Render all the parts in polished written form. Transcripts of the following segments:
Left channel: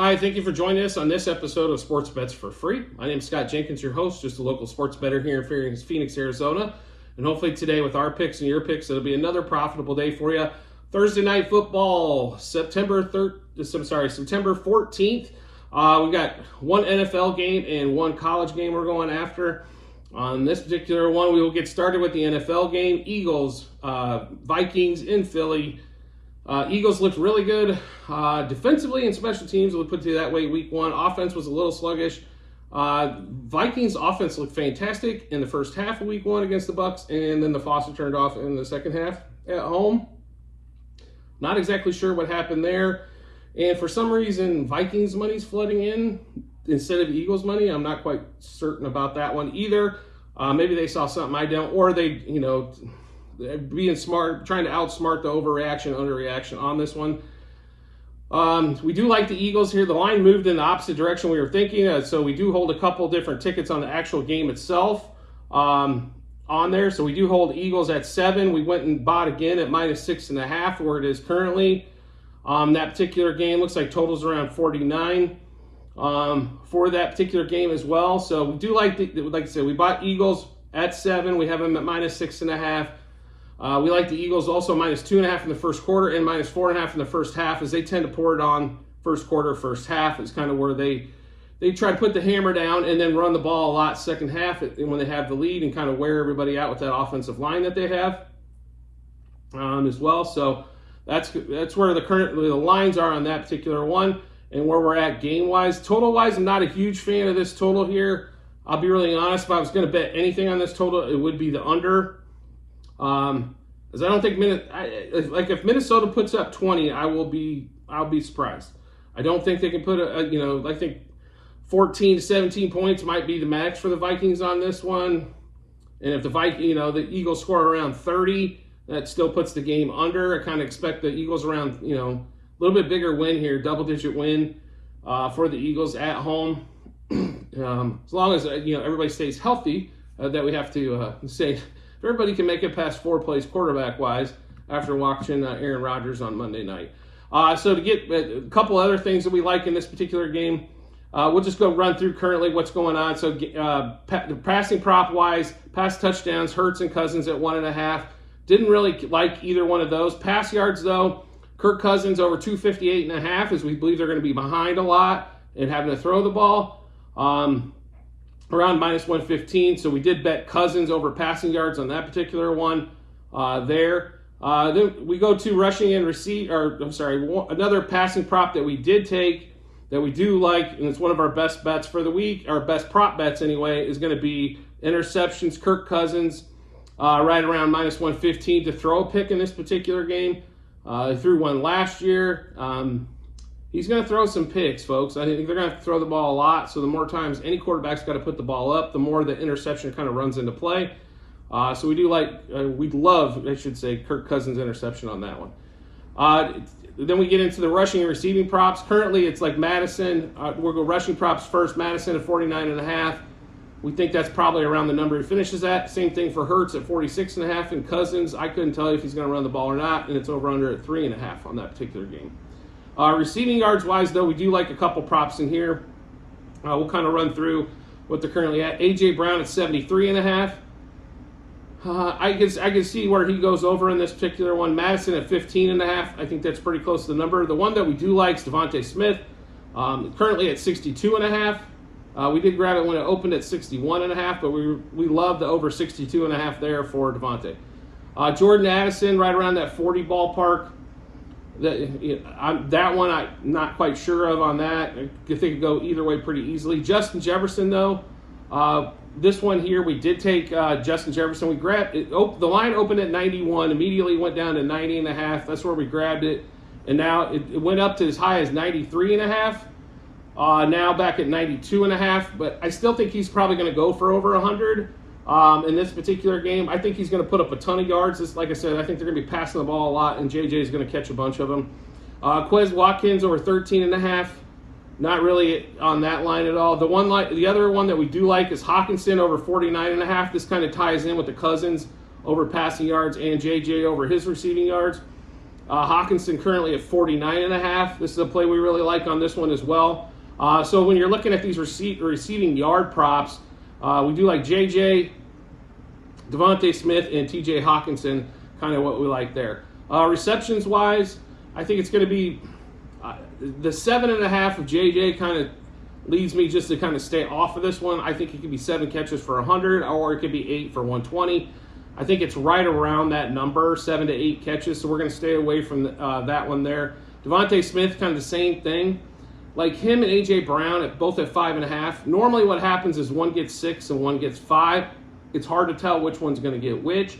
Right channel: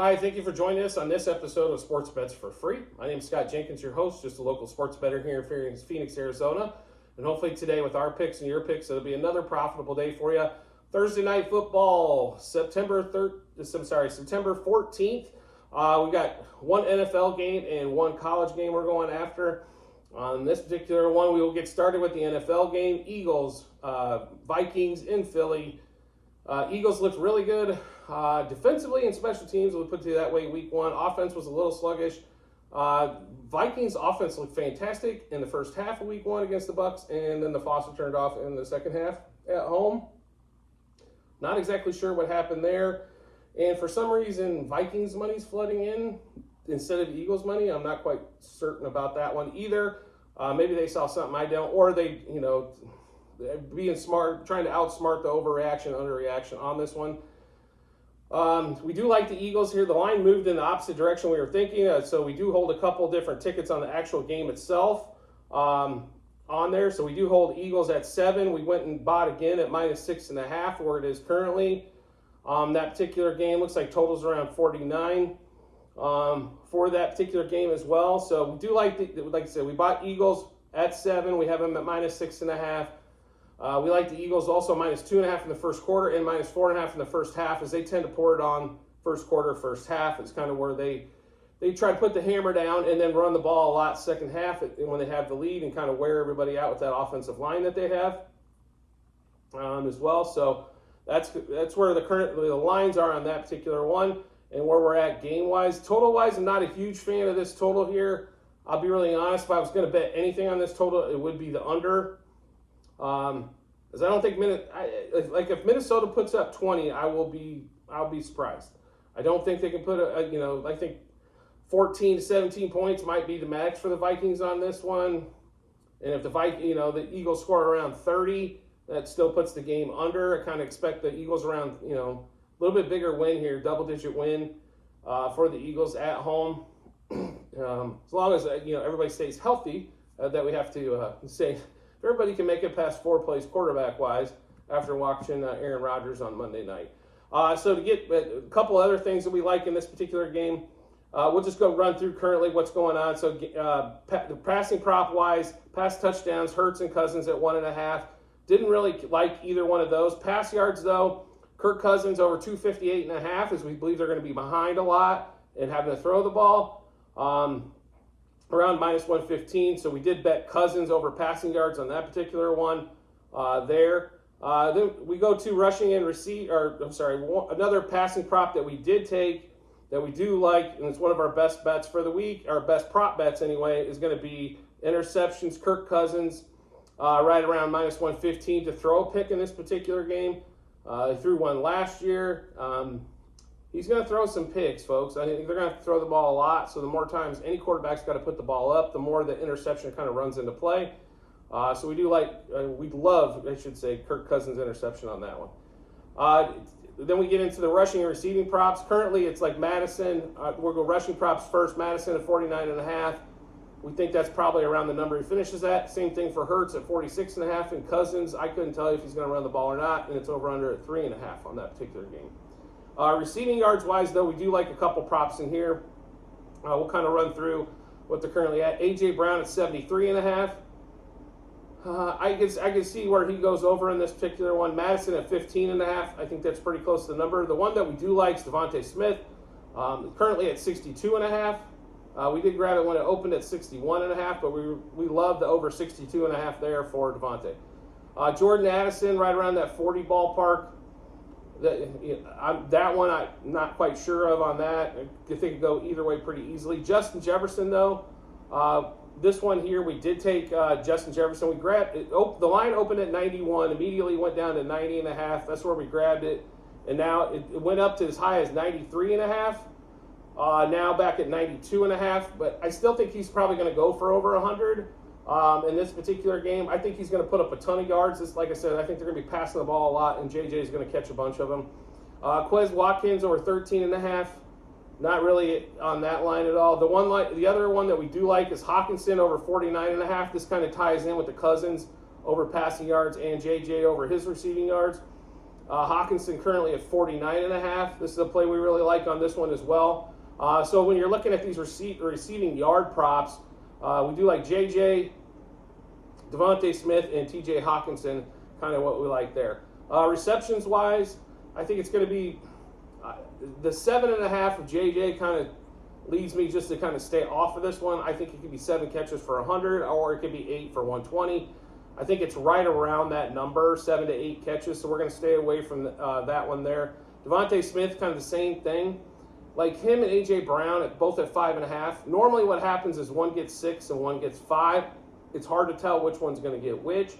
Hi, thank you for joining us on this episode of Sports Bets for Free. My name is Scott Jenkins, your host, just a local sports bettor here in Phoenix, Arizona. And hopefully today with our picks and your picks, it'll be another profitable day for you. Thursday night football, September 14th. We've got one NFL game and one college game we're going after. On this particular one, we will get started with the NFL game. Eagles, Vikings in Philly. Eagles looked really good defensively and special teams. We'll put it that way. Week one, offense was a little sluggish. Vikings offense looked fantastic in the first half of week one against the Bucks, and then the faucet turned off in the second half at home. Not exactly sure what happened there. And for some reason, Vikings money's flooding in instead of Eagles money. I'm not quite certain about that one either. Maybe they saw something I don't, or they, being smart, trying to outsmart the overreaction, underreaction on this one. We do like the Eagles here. The line moved in the opposite direction we were thinking, so we do hold a couple different tickets on the actual game itself on there. So we do hold Eagles at 7. We went and bought again at -6.5, where it is currently. That particular game looks like totals around 49 for that particular game as well. So we do like I said, we bought Eagles at 7. We have them at -6.5. We like the Eagles also -2.5 in the first quarter and -4.5 in the first half, as they tend to pour it on first quarter, first half. It's kind of where they try to put the hammer down and then run the ball a lot second half when they have the lead and kind of wear everybody out with that offensive line that they have as well. So that's where the lines are on that particular one and where we're at game-wise. Total-wise, I'm not a huge fan of this total here. I'll be really honest. If I was going to bet anything on this total, it would be the under. As I don't think if Minnesota puts up 20, I'll be surprised. I don't think they can put I think 14 to 17 points might be the max for the Vikings on this one. And if the Eagles score around 30, that still puts the game under. I kind of expect the Eagles around, a little bit bigger win here, double-digit win for the Eagles at home. As long as everybody stays healthy, that we have to say. If everybody can make it past 4 plays quarterback-wise after watching Aaron Rodgers on Monday night. So to get a couple other things that we like in this particular game, we'll just go run through currently what's going on. So passing prop-wise, pass touchdowns, Hurts and Cousins at 1.5. Didn't really like either one of those. Pass yards, though, Kirk Cousins over 258.5, as we believe they're going to be behind a lot and having to throw the ball. Around -115, so we did bet Cousins over passing yards on that particular one there. Then we go to rushing and another passing prop that we did take that we do like, and it's one of our best bets for the week, our best prop bets anyway, is going to be interceptions. Kirk Cousins right around -115 to throw a pick in this particular game. He threw one last year. He's going to throw some picks, folks. I think they're going to have to throw the ball a lot. So the more times any quarterback's got to put the ball up, the more the interception kind of runs into play. So we do we'd love, I should say, Kirk Cousins interception on that one. Then we get into the rushing and receiving props. Currently, it's like Madison. We'll go rushing props first. Madison at 49.5. We think that's probably around the number he finishes at. Same thing for Hurts at 46.5. And Cousins, I couldn't tell you if he's going to run the ball or not. And it's over under at 3.5 on that particular game. Receiving yards wise, though, we do like a couple props in here. We'll kind of run through what they're currently at. A.J. Brown at 73.5. I can see where he goes over in this particular one. Madison at 15.5. I think that's pretty close to the number. The one that we do like is Devontae Smith, currently at 62.5. We did grab it when it opened at 61.5, but we love the over 62.5 there for Devontae. Jordan Addison right around that 40 ballpark. That one I'm not quite sure of on that. I think it could go either way pretty easily. Justin Jefferson, though, this one here, we did take Justin Jefferson. We grabbed it. The line opened at 91, immediately went down to 90.5. That's where we grabbed it. And now it went up to as high as 93.5. Now back at 92.5. But I still think he's probably going to go for over 100. In this particular game, I think he's going to put up a ton of yards. Like I said, I think they're going to be passing the ball a lot, and JJ is going to catch a bunch of them. Quez Watkins over 13.5. Not really on that line at all. The other one that we do like is Hawkinson over 49.5. This kind of ties in with the Cousins over passing yards and JJ over his receiving yards. Hockenson currently at 49.5. This is a play we really like on this one as well. So when you're looking at these receiving yard props, we do like JJ, Devontae Smith, and TJ Hockenson, kind of what we like there. Receptions wise, I think it's going to be the 7.5 of JJ kind of leads me just to kind of stay off of this one. I think it could be 7 catches for 100, or it could be 8 for 120. I think it's right around that number, 7 to 8 catches, so we're going to stay away from that one there. Devontae Smith, kind of the same thing. Like him and A.J. Brown, both at 5.5. Normally what happens is one gets 6 and one gets 5. It's hard to tell which one's going to get which.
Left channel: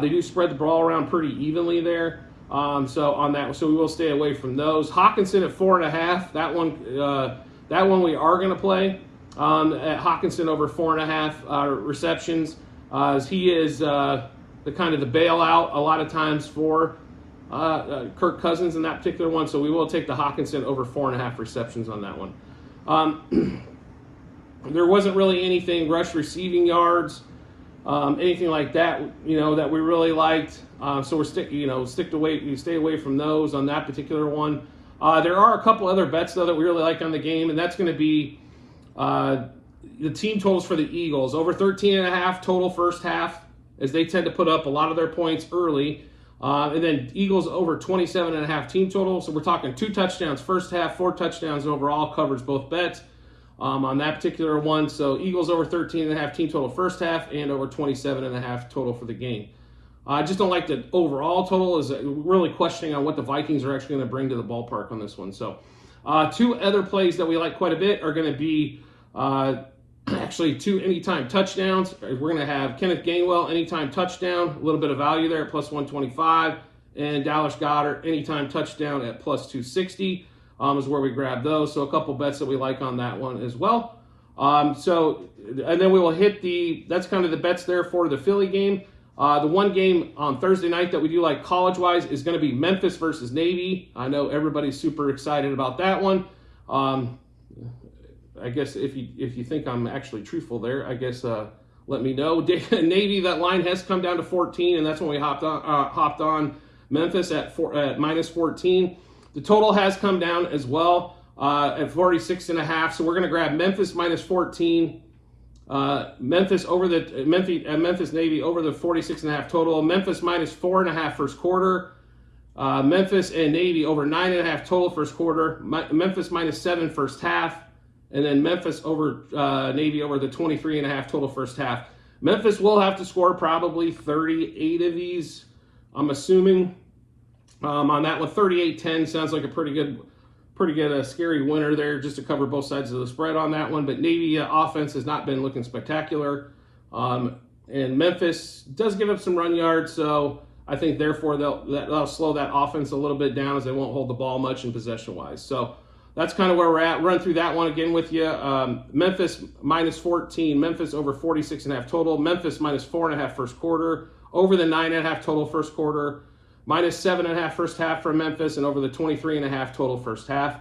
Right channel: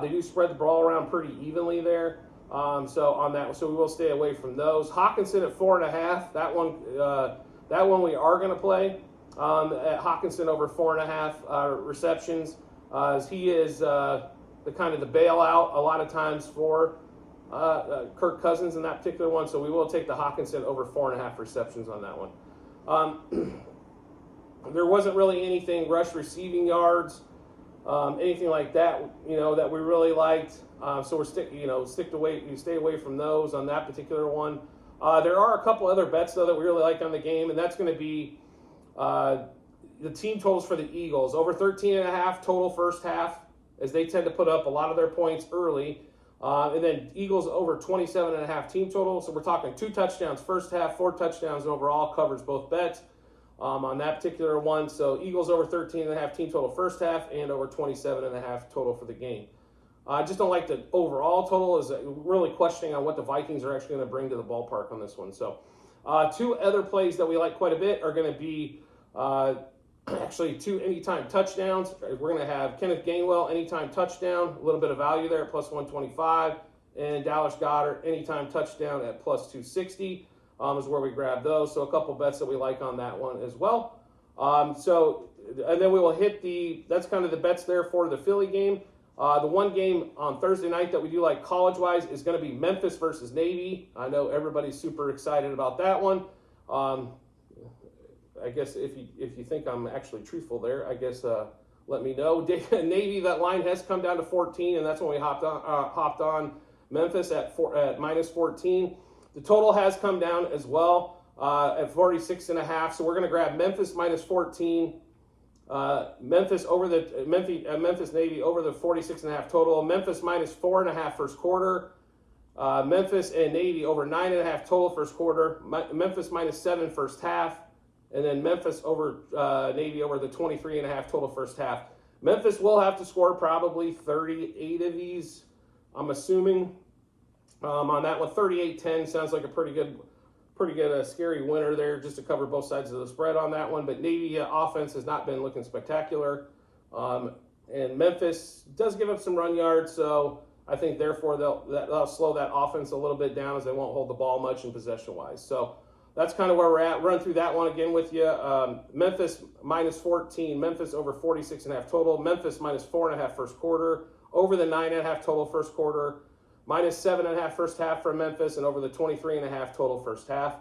They do spread the ball around pretty evenly there. So we will stay away from those. Hockenson at 4.5. That one we are going to play at Hockenson over 4.5 receptions. As he is the kind of the bailout a lot of times for Kirk Cousins in that particular one. So we will take the Hockenson over 4.5 receptions on that one. There wasn't really anything rush receiving yards, anything like that, that we really liked. So we're stay away from those on that particular one. There are a couple other bets though that we really like on the game, and that's going to be the team totals for the Eagles over 13.5 total first half, as they tend to put up a lot of their points early, and then Eagles over 27.5 team total. So we're talking 2 touchdowns first half, 4 touchdowns overall, covers both bets on that particular one. So Eagles over 13.5 team total first half and over 27.5 total for the game. I just don't like the overall total. Is really questioning on what the Vikings are actually going to bring to the ballpark on this one. So 2 other plays that we like quite a bit are going to be actually 2 anytime touchdowns. We're going to have Kenneth Gainwell anytime touchdown, a little bit of value there at plus 125, and Dallas Goedert anytime touchdown at plus 260 is where we grab those. So a couple bets that we like on that one as well. And then we will hit that's kind of the bets there for the Philly game. The one game on Thursday night that we do like college-wise is going to be Memphis versus Navy. I know everybody's super excited about that one. I guess if you think I'm actually truthful there, I guess let me know. Navy, that line has come down to 14, and that's when we hopped on Memphis at minus 14. The total has come down as well at 46.5. So we're going to grab Memphis minus 14. Memphis Navy over the 46.5 total. Memphis minus 4.5 first quarter. Memphis and Navy over 9.5 total first quarter. Memphis minus 7 first half. And then Memphis over Navy over the 23.5 total first half. Memphis will have to score probably 38 of these, I'm assuming. On that one, 38-10 sounds like a pretty good scary winner there, just to cover both sides of the spread on that one. But Navy offense has not been looking spectacular. And Memphis does give up some run yards, so I think therefore they'll slow that offense a little bit down, as they won't hold the ball much in possession-wise. So that's kind of where we're at. Run through that one again with you. Memphis minus 14. Memphis over 46.5 total. Memphis minus 4.5 first quarter. Over the 9.5 total first quarter. Minus 7.5 first half for Memphis, and over the 23.5 total first half.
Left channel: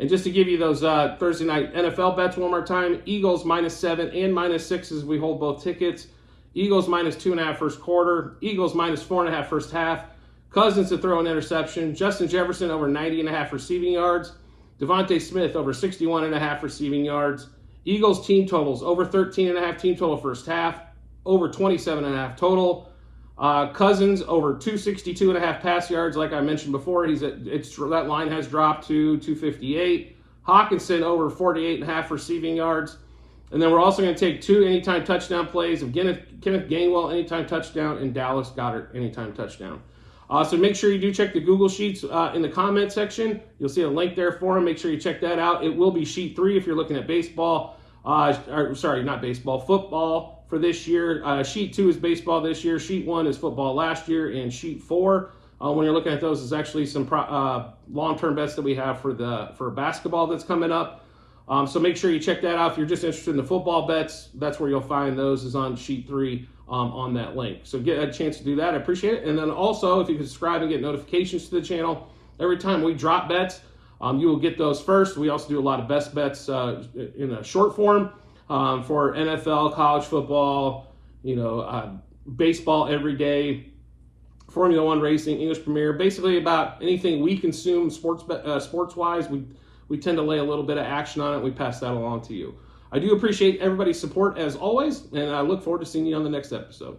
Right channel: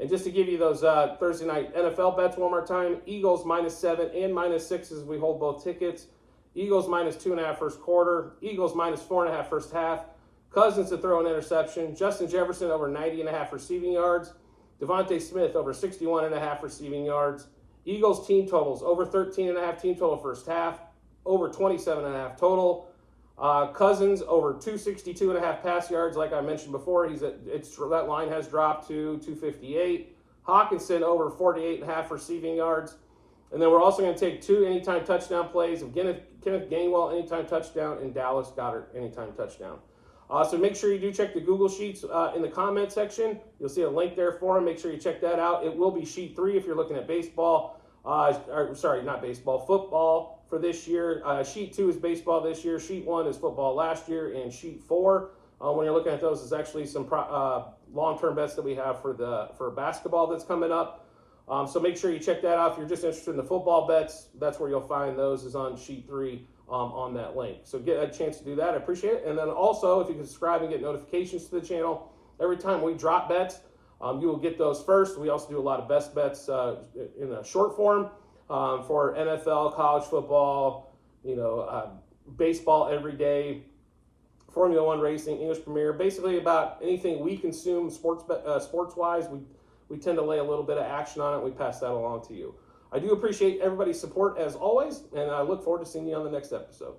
And just to give you those Thursday night NFL bets one more time, Eagles minus 7 and minus 6 as we hold both tickets. Eagles minus 2.5 first quarter. Eagles minus 4.5 first half. Cousins to throw an interception. Justin Jefferson over 90.5 receiving yards. Devontae Smith over 61.5 receiving yards. Eagles team totals over 13.5 team total first half. Over 27.5 total. Cousins over 262.5 pass yards, like I mentioned before. That line has dropped to 258. Hockenson over 48.5 receiving yards. And then we're also going to take 2 anytime touchdown plays of Kenneth Gainwell anytime touchdown and Dallas Goedert anytime touchdown. So make sure you do check the Google Sheets in the comment section. You'll see a link there for them. Make sure you check that out. It will be Sheet 3 if you're looking at baseball. Not baseball, football for this year. Sheet 2 is baseball this year. Sheet 1 is football last year. And Sheet 4, when you're looking at those, is actually some long-term bets that we have for basketball that's coming up. So make sure you check that out. If you're just interested in the football bets, that's where you'll find those, is on Sheet 3 on that link. So get a chance to do that. I appreciate it. And then also, if you can subscribe and get notifications to the channel, every time we drop bets, you will get those first. We also do a lot of best bets in a short form for NFL, college football, baseball every day, Formula One racing, English Premier, basically about anything we consume sports-wise. We tend to lay a little bit of action on it. We pass that along to you. I do appreciate everybody's support as always, and I look forward to seeing you on the next episode.